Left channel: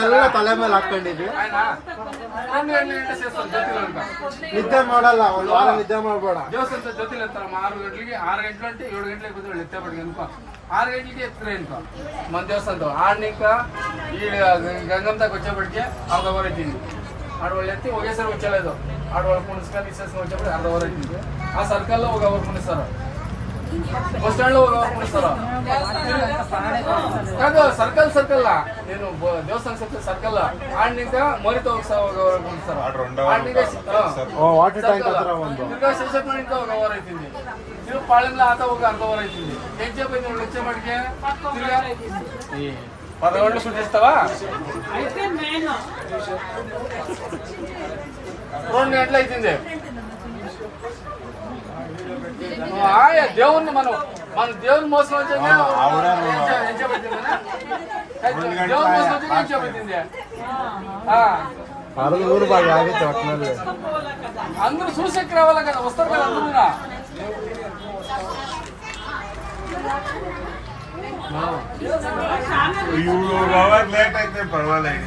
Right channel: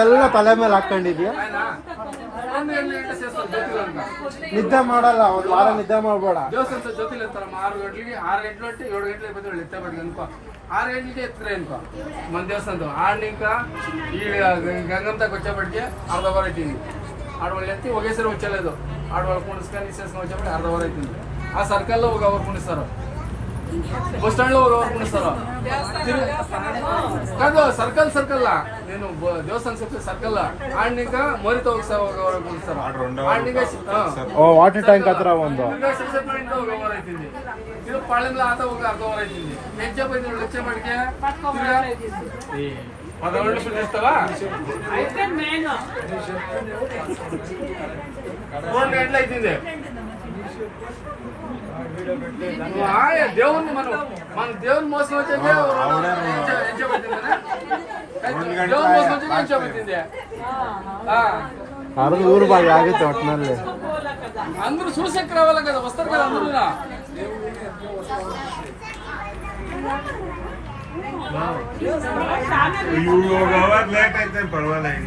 ಎಲ್ಲನ ತಲೆ ಮೇಲೆ ಹಾಕೊಂಡಿದ್ಯಾ? ನಿದ್ದೆ ಮಾಡಲ್ಲ ಒಂದ್ ವಾರ ನಿದ್ದೆ ಮಾಡಬೇಡ. ದೇವಸ್ಥಾನ ಜೊತೆಲಿ ಇರ್ತಾರಮ್ಮ, ಆರು ಗಂಟೆಗೆ ಆರು ಗಂಟೆ ಗಂಟೆ ಏಳು ಗಂಟೆಗೆ ಬಂದ್ರೆ ನಿದ್ದೆ ಮಾಡಿ ಅನ್ಕೋ. ಆರು ಗಂಟೆಗೆ ಎತ್ತಾರೆ ಅನ್ಕೋ. ಒಂದು ದೇವಸ್ಥಾನ ಆಡ್ಲಿಕ್ಕ, ಈ ಗಂಗಂತ ಗೊಚ್ಚ ಬಡ್ಗೆ ಅರ್ಧ ವಾರ ಇದ್ದೀನಿ ಆಡವಳ್ಳಿ ಹತ್ತಿ ಹೋಗೇ ಸರ್ ಹೊಚ್ಚಲ ಇದು. ಆಡವಳ್ಳಿ ಕುಣಿಸ್ಕೊಂಡು ಇಸ್ಕೊಂಡು ಅರ್ಧ ವಾರ ಇದ್ದೀನಿ ಆ ಸರ್ಕಲ್ ಹೋಗಿ ಅವ್ರು ಕುಣಿಸ್ತಾರ. ಬಸ್ ಸ್ಟ್ಯಾಂಡ್ ಹೋಗ್ಬೇಕು ಸರ್ ಸರ್ಕಲ್ ಸರ್ಕಲ್ ನೀನು ದೇವಸ್ಥಾನ ಸರ್ಕಲ್ ಸರ್ಕಲ್ ಆಡ್ನಿಂದ ಮೋರಿತ ಹೋಗ್ಸೋವರೆಗೂ ಆತ దేవుణ్ణి మనం మన దేవుని మోసం దేవుని మోసం నిలిచోబెట్టింది అందరూ చూసెక్కి రావాలి కదా? వస్తారు కదా అందరూ లేట్ అయితే పర్వాలేదు.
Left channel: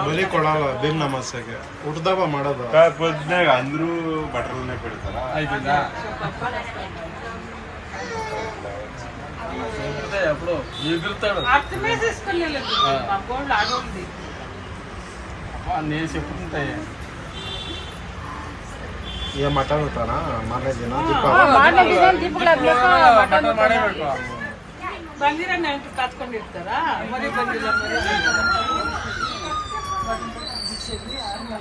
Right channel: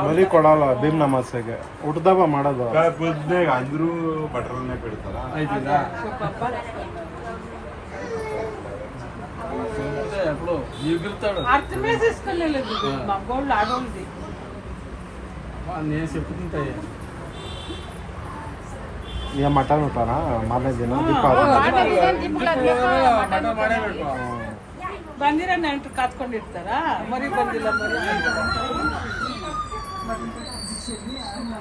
ಬಲಿ ಕೊಡಲ್ಲ ಬೀರ್ ನಮಸ್ತೆಗೆ ಹುಡ್ದಬ್ಬ ಮಾಡೋದು పొద్దునే అందరూ బట్టలనే పెడతారు అయిపోయిందా అంతే అప్పుడు ఎగురుతాడు అర్థమే చేసుకోలేదు నా గోల్డ్ ఆడుంది నేను చెప్పుకుంటాయి ಮಟನ್ ಮಾರನೇ ದಿನ ಬಂದಿರ ಮರಿ ಬಂದಿಲ್ಲ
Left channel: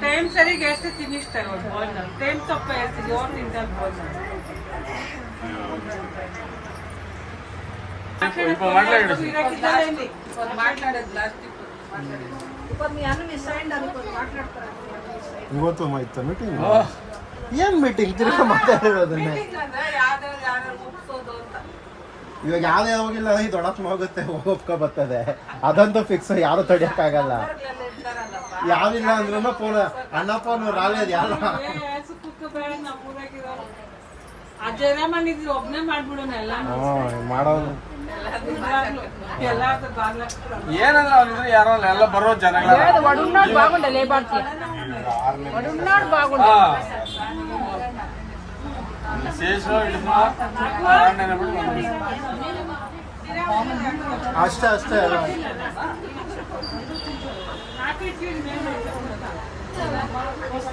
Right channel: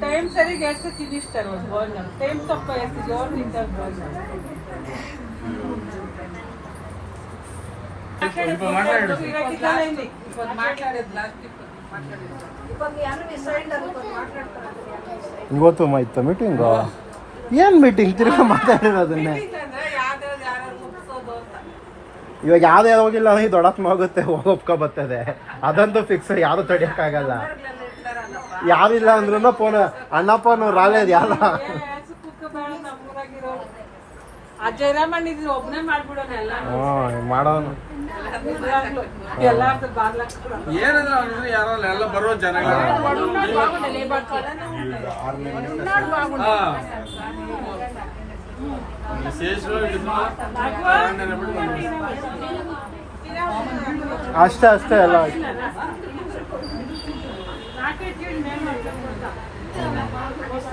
ಟೈಮ್ ಸರಿಗೆ ಎಷ್ಟು ತಿನ್ನಿಸ್ತಾರೆ ಭೋಜನ. ಟೈಮ್ ತಪ್ಪ ಇರ್ತಿದ್ವಿ ಅವ್ರು ತಿಂತಾರೆ ಭೋಜನ. ಇವತ್ತು ಇತ್ತ ಮೀಟಿಂಗ್ ಏನ್ ಮೀಟಿಂಗ್ ತಿರ್ಗಿ ಇವಾಗ ಯಾವ್ದು ಹೋಗಿಲ್ಲ ಅಂದ್ರೆ ದೊಡ್ಡಪ್ಪ ಹೋಗುತ್ತೆ ಒಪ್ಕೊ ಬರ್ತದೆ ಅದಂತೂ ಫಿಕ್ಸ್ ಯಾರು ತಡಿಯಕ್ಕಾಗಲ್ಲ. ಯಾವಿಲ್ಲ ಅಂದ್ರೂ ಫೋನ್ ಅಣ್ಣಪ್ಪ ಯಾರ ಮಾಡೋನು ಏನಂದ್ರೆ ಅವ್ರು ಯಾರೋ ಎಲ್ಲ ಬರೋ ಜನಗಳ ಅಷ್ಟೇ ಅಷ್ಟೇ ಎಲ್ಲ ಹೊಸ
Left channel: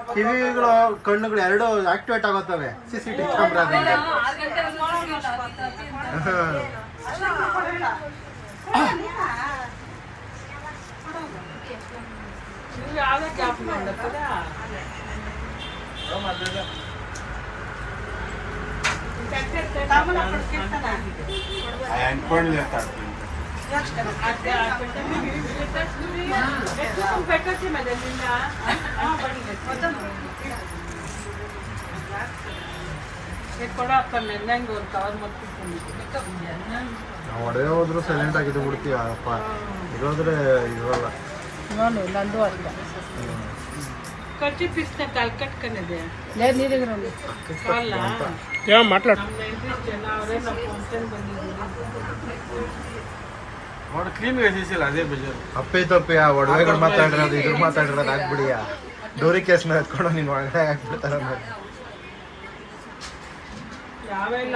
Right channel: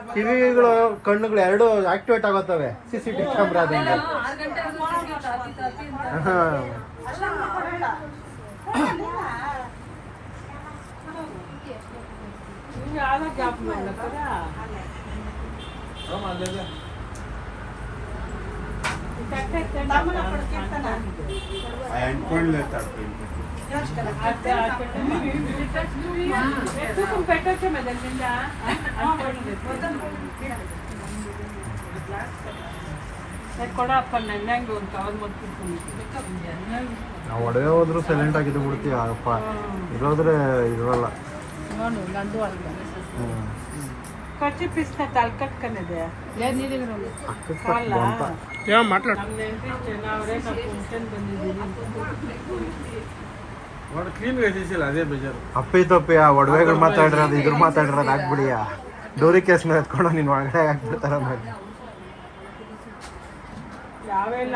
ಕಿವಿಗಳು ಕಣ್ಣುಗಳು ಎರಡು ಆಕ್ಟಿವೇಟ್ ಆಗುತ್ತವೆ. ಸಿ ಸಿ ಟಿ ಕ್ಯಾಮ್ರಾದಿಂದ. ಅನ್ಕೊಂಡ್ಲೆ ನಾವು ಒಡೆಯ ಹೋದ್ರು ಸೈಲೆಂಟ್ ಆಗಿದ್ದು ಬಿಡ್ತೀವಿ ಆಗಪ್ಪ ಇದಾದ್ರೆ ಇರಲ್ಲ. ಕಚ್ಚಿ ಮಾತಾಡು. ಕ್ಲೀನ್ ಅದೇ ಬೇಜಾರು. ಅಪ್ಪಿ ತಪ್ಪಿ ಒಡವೆಗಳು ಮಾತಾಡಿರೋದು ಇದು ಮಾತಾಡಿರೋದು ಹಾಕ್ಬಿಡಿಯಾ ಡೋರಿ ಕೇಸ್ ಎತ್ಕೊಂಡು ನಿನ್ ಒಳಗಡೆ ಹಾಕ್ಬಿಡ್ತಾರ ಯಾವೆಲ್ಲ